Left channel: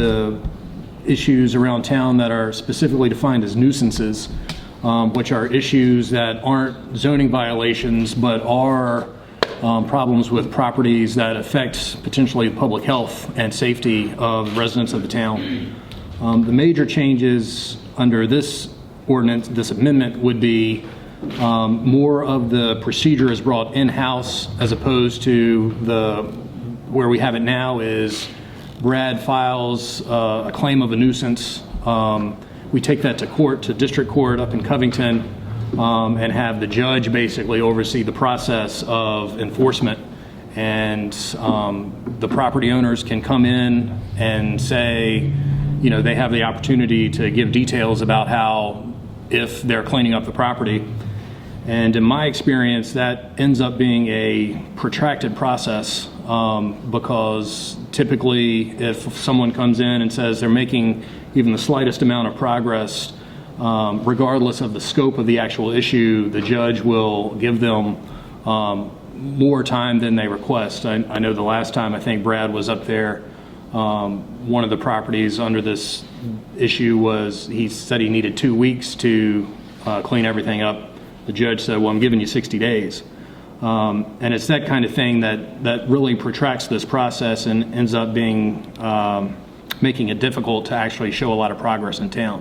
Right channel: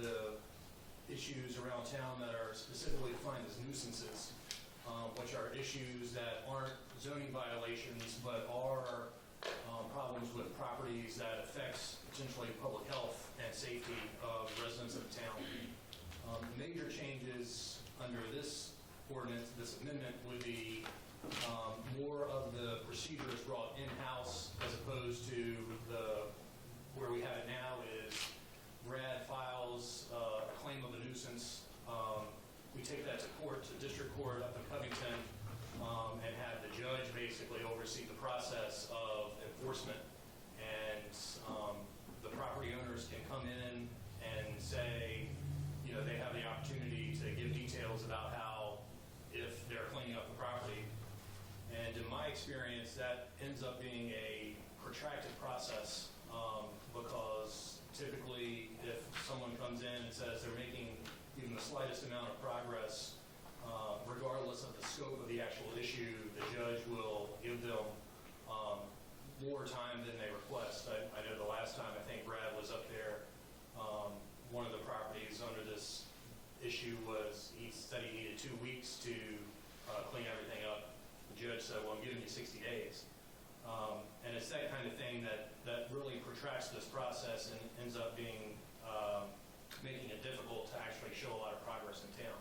the issues around town that are specifically defined as nuisances, which are issues that aren't zoning violations but are problems with properties that affect potentially public health and safety of residents of the town. The major changes under this ordinance, this amendment, would be more of the procedure is brought in-house as opposed to where we have it now is Brad files a claim of a nuisance. We take that to court, to district court up in Covington, and have the judge basically oversee the process of enforcement. And the property owners can come in and say, you know, they have the opportunity to give details about how, if they're cleaning up the property. And in my experience, that ends up being a protracted process because typically if someone comes in and says they're making even the slightest amount of progress, regardless of the scope of the actual issue, the judge will give them more time than they request. I know the last time I think Brad was up there, one of the properties under this issue was, he said he needed 2 weeks to clean everything up. The judge said, well, I'm giving you 60 days. And it's that kind of thing that really protracts this process and ends up being, making it difficult to actually show a lot of progress in town.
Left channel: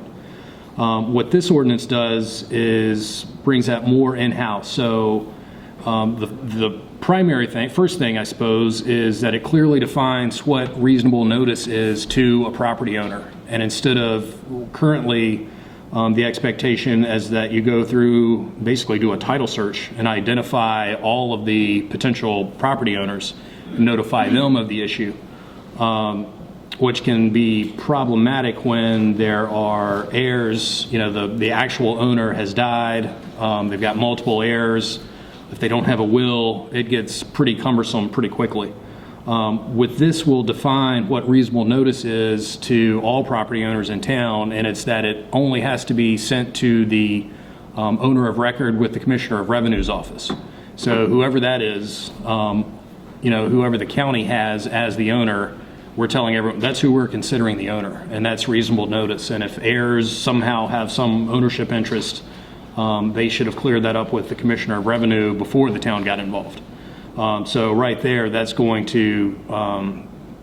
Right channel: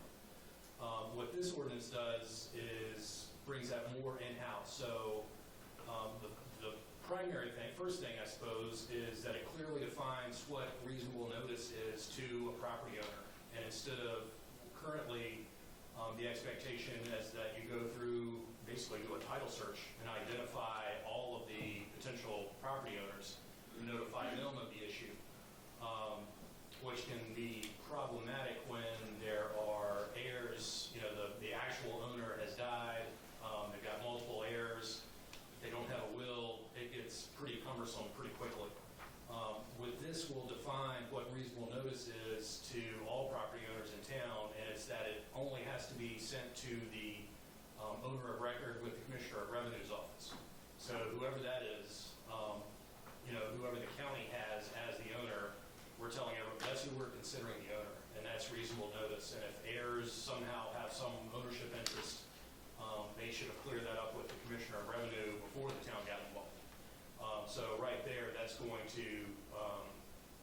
What this ordinance does is brings that more in-house. So the primary thing, first thing I suppose, is that it clearly defines what reasonable notice is to a property owner. And instead of currently the expectation is that you go through, basically do a title search and identify all of the potential property owners, notify them of the issue, which can be problematic when there are heirs. You know, the actual owner has died, they've got multiple heirs. If they don't have a will, it gets pretty cumbersome pretty quickly. With this, we'll define what reasonable notice is to all property owners in town, and it's that it only has to be sent to the owner of record with the Commissioner of Revenue's office. So whoever that is, you know, whoever the county has as the owner, we're telling everyone that's who we're considering the owner, and that's reasonable notice. And if heirs somehow have some ownership interest, they should have cleared that up with the Commissioner of Revenue before the town got involved. So right there, that's going to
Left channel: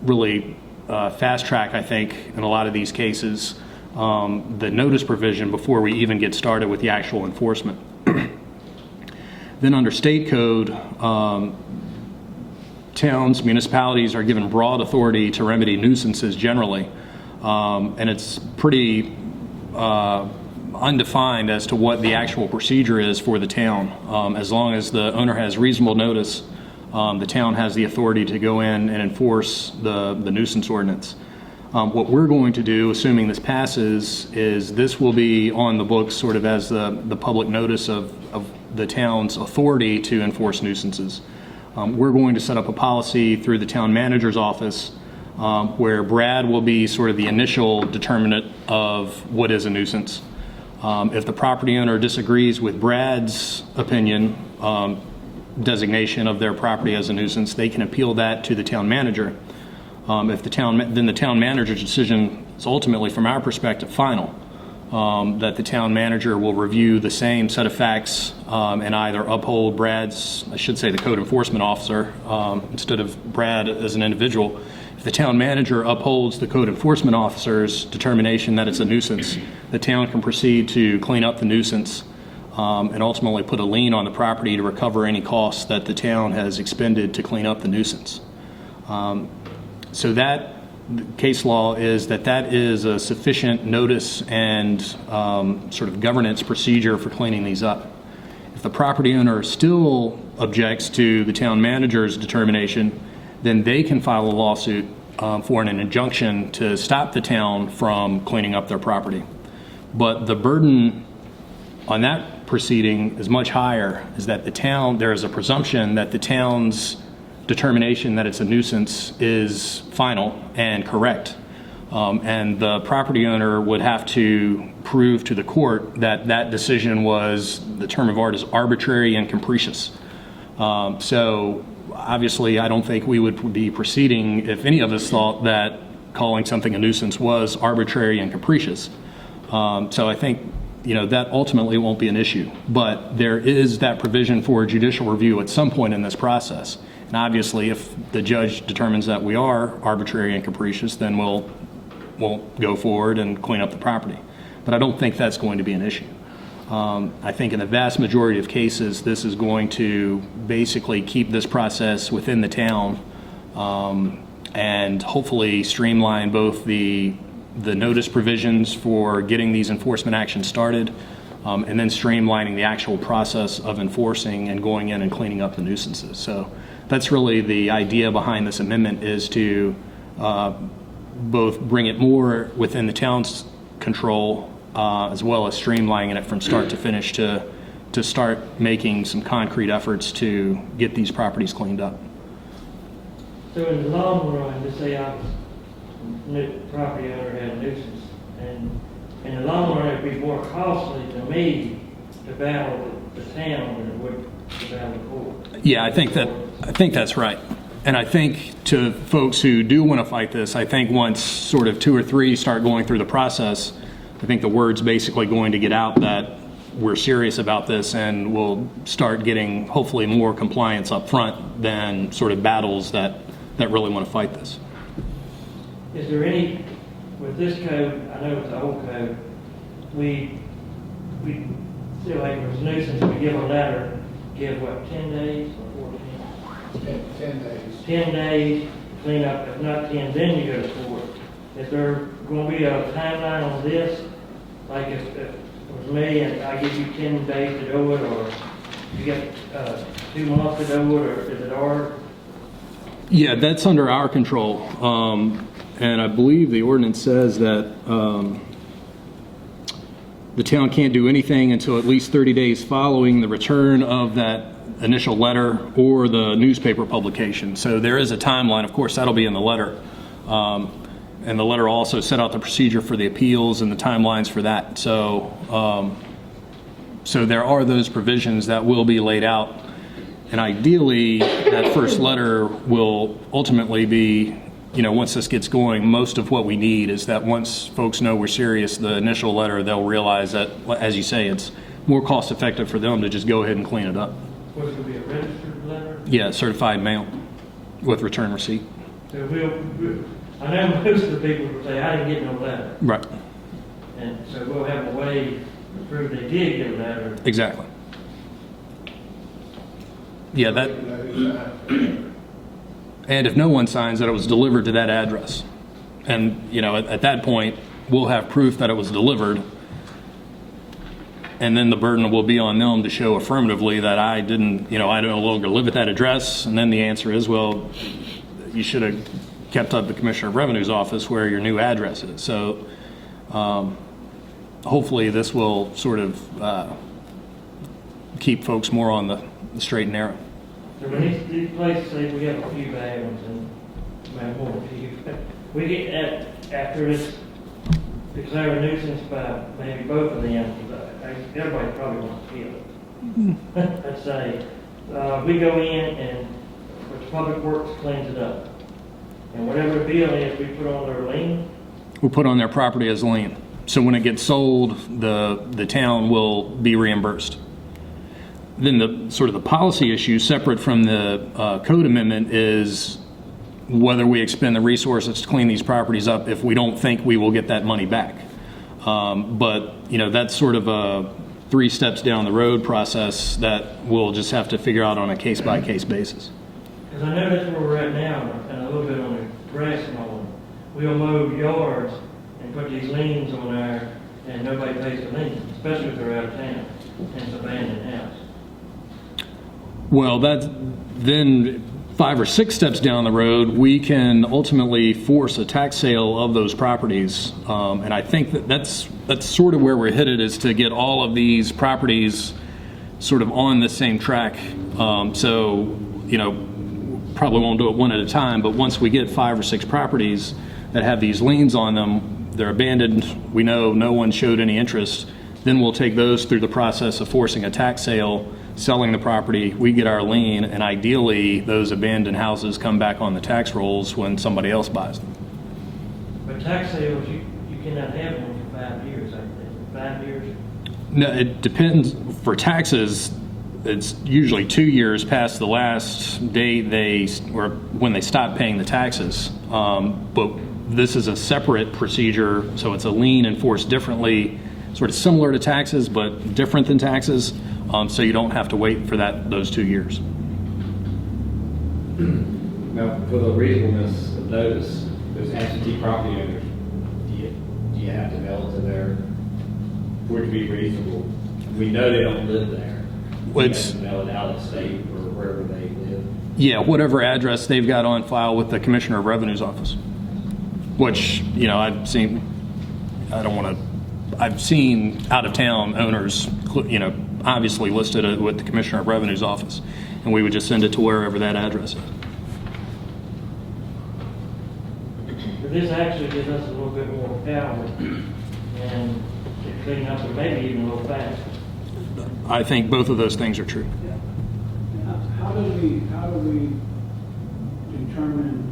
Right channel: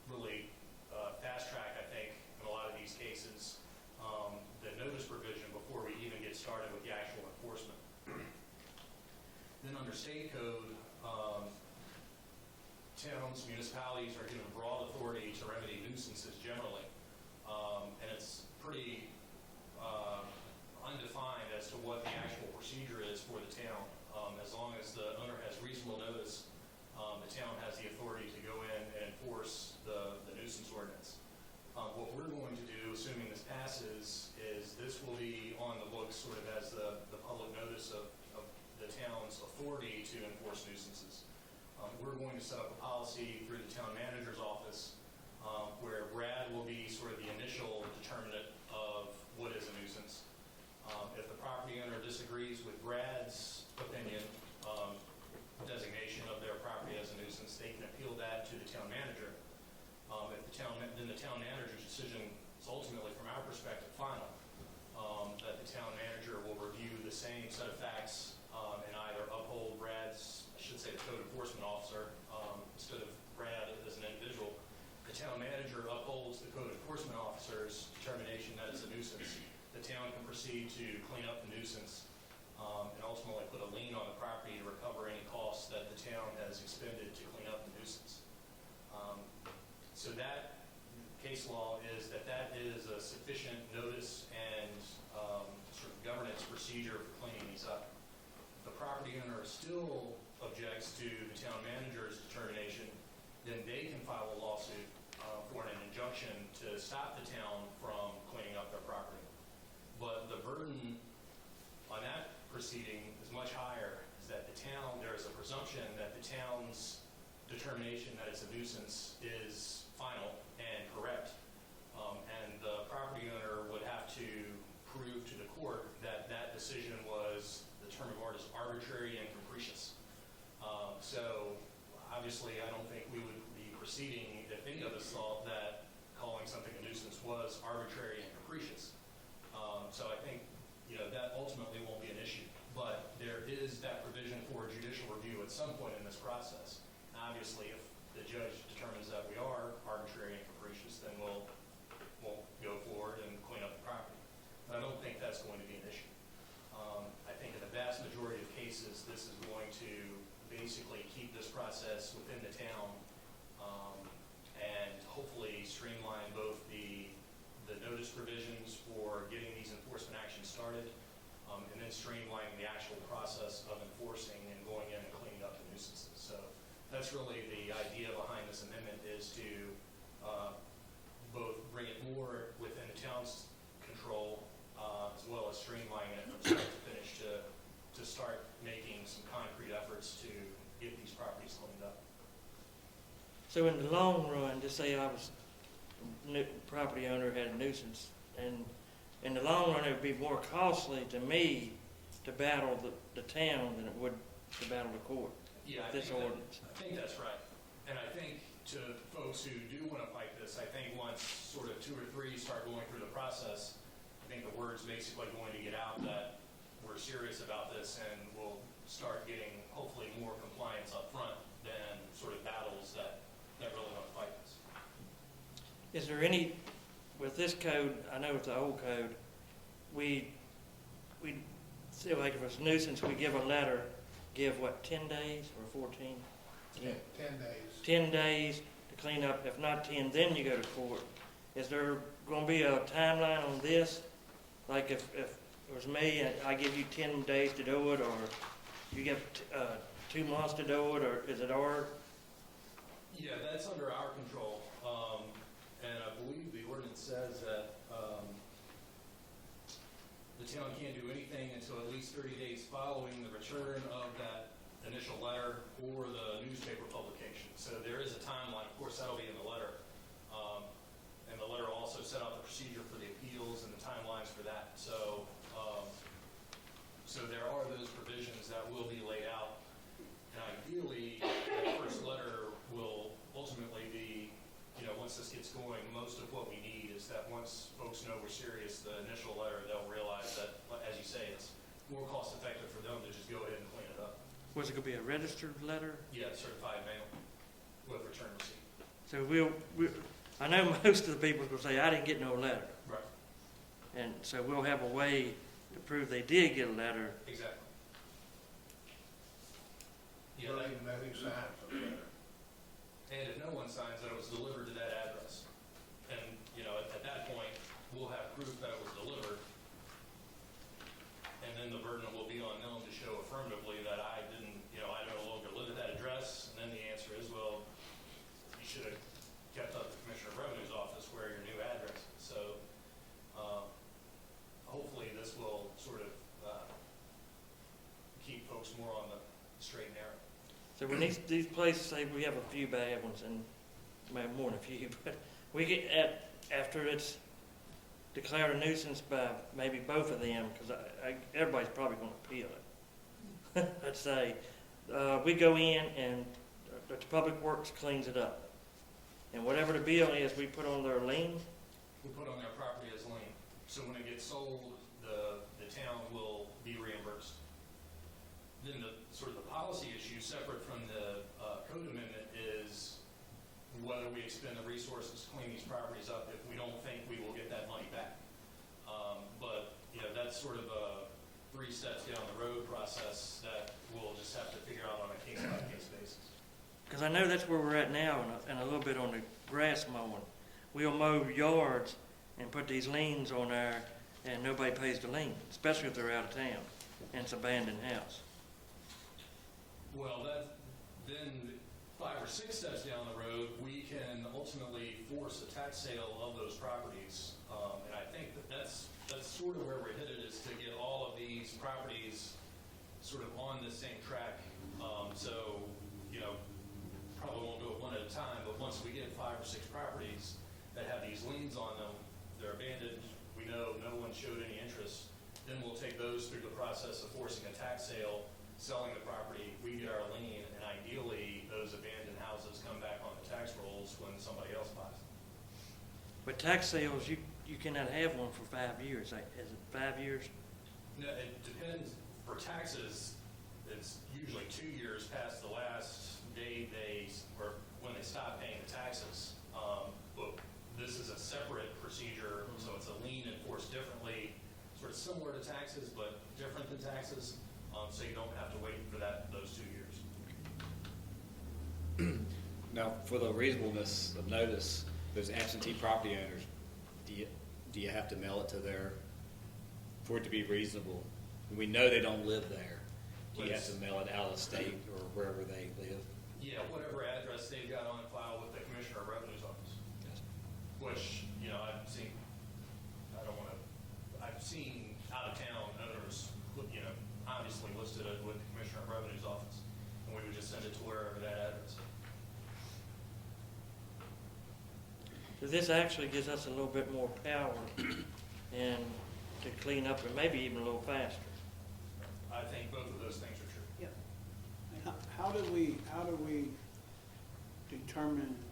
really fast track, I think, in a lot of these cases, the notice provision before we even get started with the actual enforcement. Then under state code, towns, municipalities are given broad authority to remedy nuisances generally, and it's pretty undefined as to what the actual procedure is for the town. As long as the owner has reasonable notice, the town has the authority to go in and enforce the nuisance ordinance. What we're going to do, assuming this passes, is this will be on the books sort of as the public notice of the town's authority to enforce nuisances. We're going to set up a policy through the town manager's office where Brad will be sort of the initial determinant of what is a nuisance. If the property owner disagrees with Brad's opinion, designation of their property as a nuisance, they can appeal that to the town manager. If the town manager's decision is ultimately, from our perspective, final. That the town manager will review the same set of facts and either uphold Brad's, I should say the code enforcement officer, instead of Brad as an individual. If the town manager upholds the code enforcement officer's determination that it's a nuisance, the town can proceed to clean up the nuisance and ultimately put a lien on the property to recover any costs that the town has expended to clean up the nuisance. So that case law is that is a sufficient notice and sort of governance procedure for cleaning these up. If the property owner still objects to the town manager's determination, then they can file a lawsuit for an injunction to stop the town from cleaning up their property. But the burden on that proceeding is much higher, is that the town, there is a presumption that the town's determination that it's a nuisance is final and correct. And the property owner would have to prove to the court that that decision was, the term of art is arbitrary and capricious. So obviously I don't think we would be proceeding if any of us thought that calling something a nuisance was arbitrary and capricious. So I think, that ultimately won't be an issue. But there is that provision for judicial review at some point in this process. And obviously, if the judge determines that we are arbitrary and capricious, then we'll go forward and clean up the property. But I don't think that's going to be an issue. I think in the vast majority of cases, this is going to basically keep this process within the town and hopefully streamline both the notice provisions for getting these enforcement actions started and then streamlining the actual process of enforcing and going in and cleaning up the nuisances. So that's really the idea behind this amendment, is to both bring it more within the town's control as well as streamlining it from start to finish to start making some concrete efforts to get these properties cleaned up. So in the long run, just say I was property owner had a nuisance, and in the long run, it would be more costly to me to battle the town than it would to battle the court. Yeah, I think that's right. And I think to folks who do want to fight this, I think once sort of 2 or 3 start going through the process, I think the word's basically going to get out that we're serious about this, and we'll start getting hopefully more compliance up front than sort of battles that really want to fight this. Is there any, with this code, I know it's the old code, we feel like if it's a nuisance, we give a letter, give what, 10 days or 14? 10 days. 10 days to clean up. If not 10, then you go to court. Is there going to be a timeline on this? Like if it was me and I give you 10 days to do it, or you get 2 months to do it, or is it our? Yeah, that's under our control. And I believe the ordinance says that the town can't do anything until at least 30 days following the return of that initial letter or the newspaper publication. So there is a timeline. Of course, that'll be in the letter. And the letter also set out the procedure for the appeals and the timelines for that. So, so there are those provisions that will be laid out. And ideally, that first letter will ultimately be, once this gets going, most of what we need is that once folks know we're serious, the initial letter, they'll realize that, as you say, it's more cost effective for them to just go ahead and clean it up. Was it going to be a registered letter? Yeah, certified mail with return receipt. So I know most of the people will say, I didn't get no letter. Right. And so we'll have a way to prove they did get a letter. Exactly. Yeah, that. And if no one signs that it was delivered to that address, and at that point we'll have proof that it was delivered, and then the burden will be on them to show affirmatively that I didn't, I no longer live at that address. And then the answer is, well, you should have kept up the Commissioner of Revenue's office where your new address is. So hopefully this will sort of keep folks more on the straight and narrow. So when these places say we have a few bad ones, and maybe more than a few, we get after it's declared a nuisance by maybe both of them, because everybody probably wants to appeal it. Let's say we go in and the Public Works cleans it up, and whatever the bill is, we put on their lien. We'll put on their property as lien. So when it gets sold, the town will be reimbursed. Then the sort of the policy issue separate from the code amendment is whether we expend the resources to clean these properties up if we don't think we will get that money back. But that's sort of a 3 steps down the road process that we'll just have to figure out on a case-by-case basis. Because I know that's where we're at now, and a little bit on the grass mowing. We'll mow yards and put these liens on there, and nobody pays the liens, especially if they're out of town and it's abandoned house. Well, then 5 or 6 steps down the road, we can ultimately force a tax sale of those properties. And I think that's sort of where we're headed, is to get all of these properties sort of on the same track. So, probably won't do it one at a time, but once we get 5 or 6 properties that have these liens on them, they're abandoned, we know no one showed any interest, then we'll take those through the process of forcing a tax sale, selling the property, we get our lien, and ideally those abandoned houses come back on the tax rolls when somebody else buys them. But tax sales, you cannot have one for 5 years, like that. 5 years? No, it depends. For taxes, it's usually 2 years past the last date or when they stop paying the taxes. But this is a separate procedure, so it's a lien enforced differently, sort of similar to taxes, but different than taxes. So you don't have to wait for those 2 years. Now, for the reasonableness of notice, those absentee property owners, do you have to mail it to for it to be reasonable? We know they don't live there. Well, You have to mail it out of state or wherever they live. Yeah, whatever address they've got on file with the Commissioner of Revenue's office, which, I've seen, I've seen out-of-town owners, obviously listed with the Commissioner of Revenue's office, and we would just send it to wherever that address is. But this actually gives us a little bit more power and to clean up, or maybe even a little faster. I think both of those things are true. How do we determine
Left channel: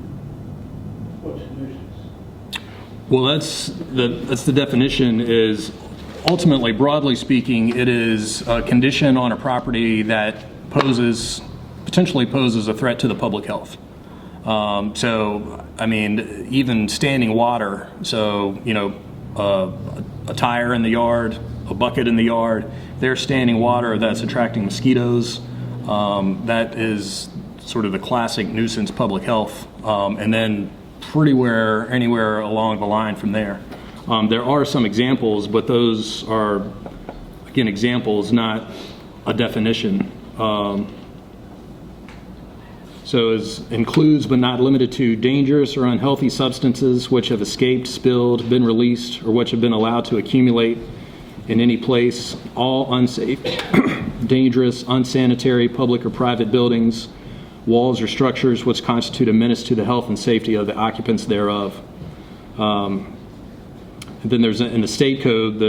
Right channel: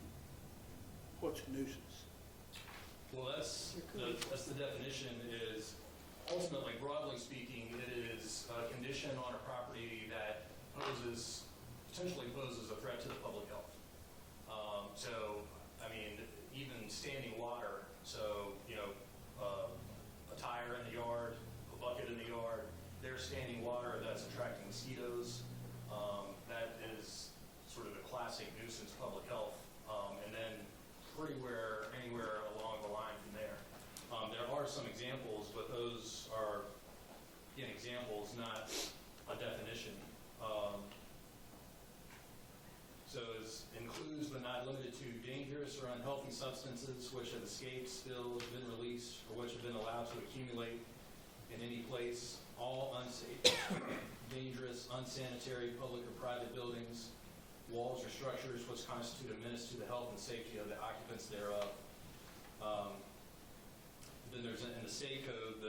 what's a nuisance? Well, that's the definition is ultimately, broadly speaking, it is a condition on a property that potentially poses a threat to the public health. So, I mean, even standing water, so, a tire in the yard, a bucket in the yard, they're standing water that's attracting mosquitoes. That is sort of the classic nuisance public health. And then anywhere along the line from there. There are some examples, but those are, again, examples, not a definition. So it includes but not limited to dangerous or unhealthy substances which have escaped, spilled, been released, or which have been allowed to accumulate in any place, all unsafe, dangerous, unsanitary, public or private buildings, walls or structures which constitute a menace to the health and safety of the occupants thereof. And then there's, in the state code,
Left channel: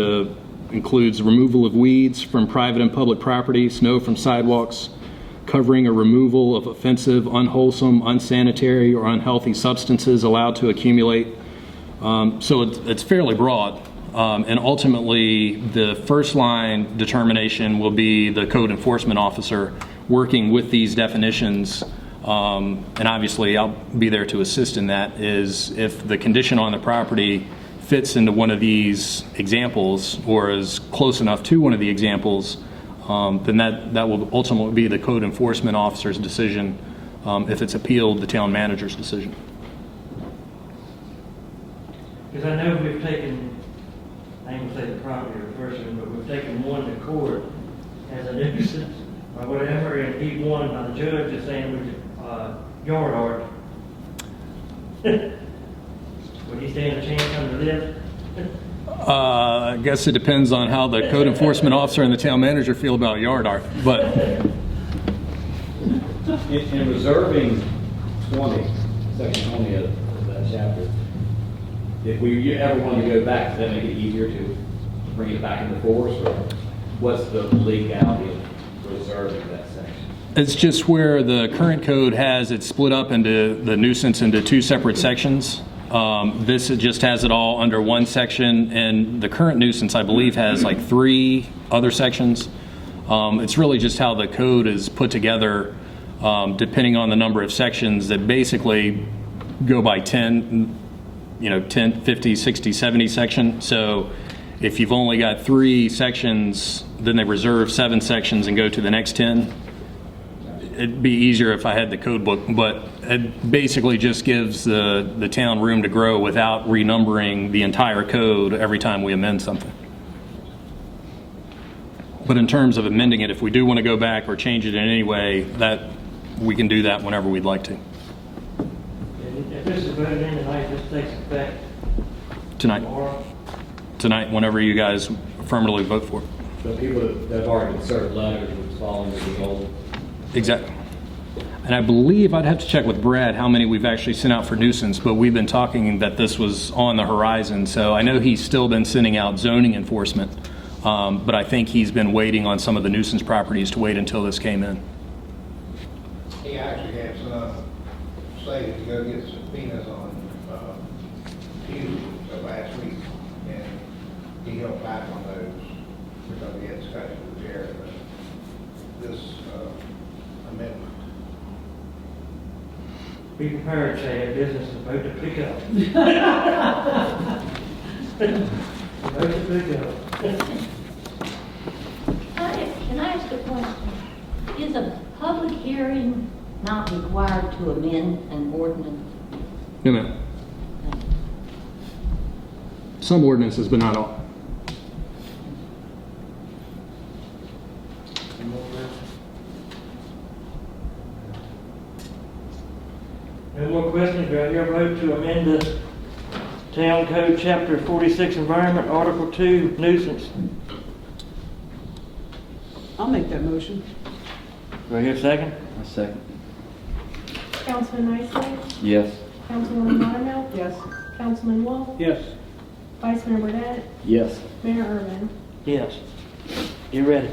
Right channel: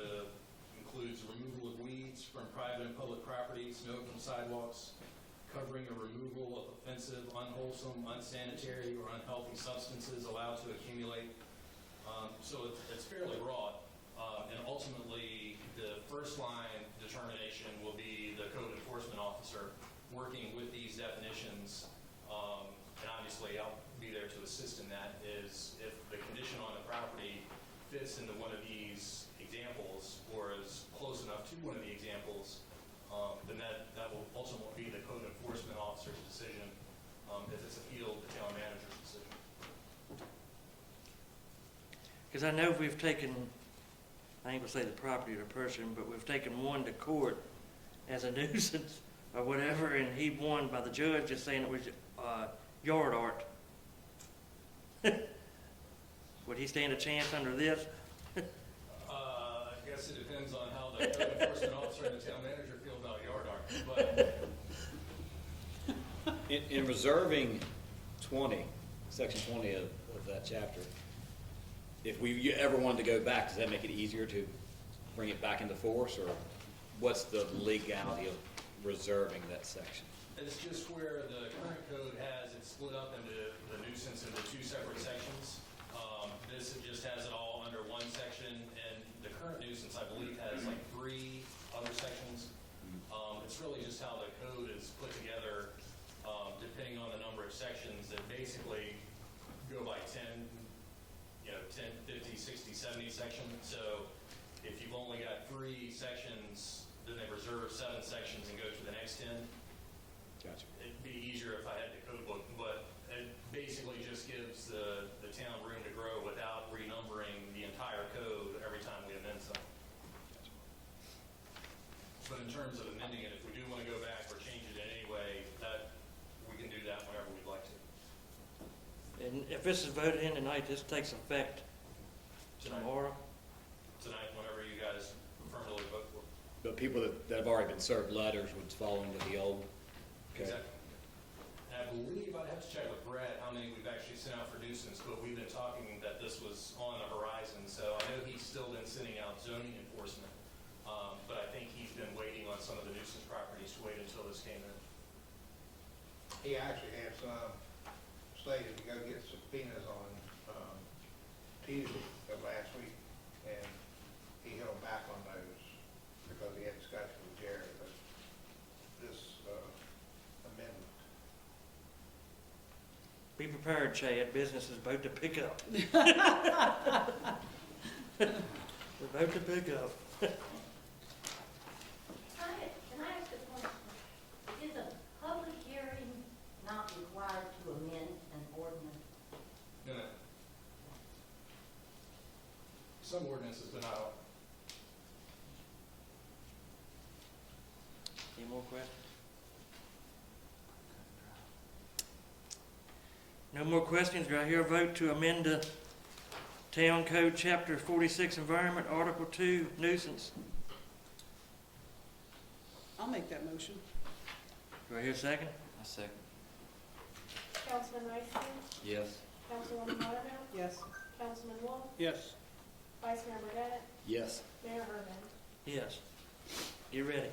includes removal of weeds from private and public property, snow from sidewalks, covering or removal of offensive, unwholesome, unsanitary, or unhealthy substances allowed to accumulate. So it's fairly broad. And ultimately, the first line determination will be the code enforcement officer working with these definitions. And obviously, I'll be there to assist in that, is if the condition on the property fits into one of these examples or is close enough to one of the examples, then that will ultimately be the code enforcement officer's decision. If it's appealed, the town manager's decision. Because I know we've taken, I ain't gonna say the property or person, but we've taken one to court as a nuisance or whatever, and he won by the judge just saying it was yard art. Would he stand a chance under this? I guess it depends on how the code enforcement officer and the town manager feel about yard art, but In reserving section 20 of that chapter, if we ever wanted to go back, does that make it easier to bring it back into force, or what's the legality of reserving that section? it's just where the current code has it split up into the nuisance into two separate sections. This just has it all under one section, and the current nuisance, I believe, has like 3 other sections. It's really just how the code is put together, depending on the number of sections that basically go by 10, 10, 50, 60, 70 section. So if you've only got 3 sections, then they reserve 7 sections and go to the next 10. It'd be easier if I had the code book, but it basically just gives the town room to grow without renumbering the entire code every time we amend something. But in terms of amending it, if we do want to go back or change it in any way, that we can do that whenever we'd like to. And if this is voted in tonight, this takes effect Tonight, tomorrow. whenever you guys affirmatively vote for it. So people that have already been served letters would fall into the old. Exactly. And I believe, I'd have to check with Brad how many we've actually sent out for nuisance, but we've been talking that this was on the horizon. So I know he's still been sending out zoning enforcement, but I think he's been waiting on some of the nuisance properties to wait until this came in. He actually had some say to go get subpoenas on, Be prepared, Chad, business is about to pick up. About to pick up. Can I ask a question? Is a public hearing not required to amend an ordinance? No, ma'am. Some ordinances, but not all. Any more questions? No more questions, do I hear a vote to amend the Town Code, Chapter 46, Environment, Article 2, Nuisance? I'll make that motion. Do I hear a second? A second. Councilman Isley, Yes. Councilwoman Buttermilk, Yes. Councilman Wolf, Yes. Vice Mayor Burdette, Yes. Mayor Irvin. Yes. You ready?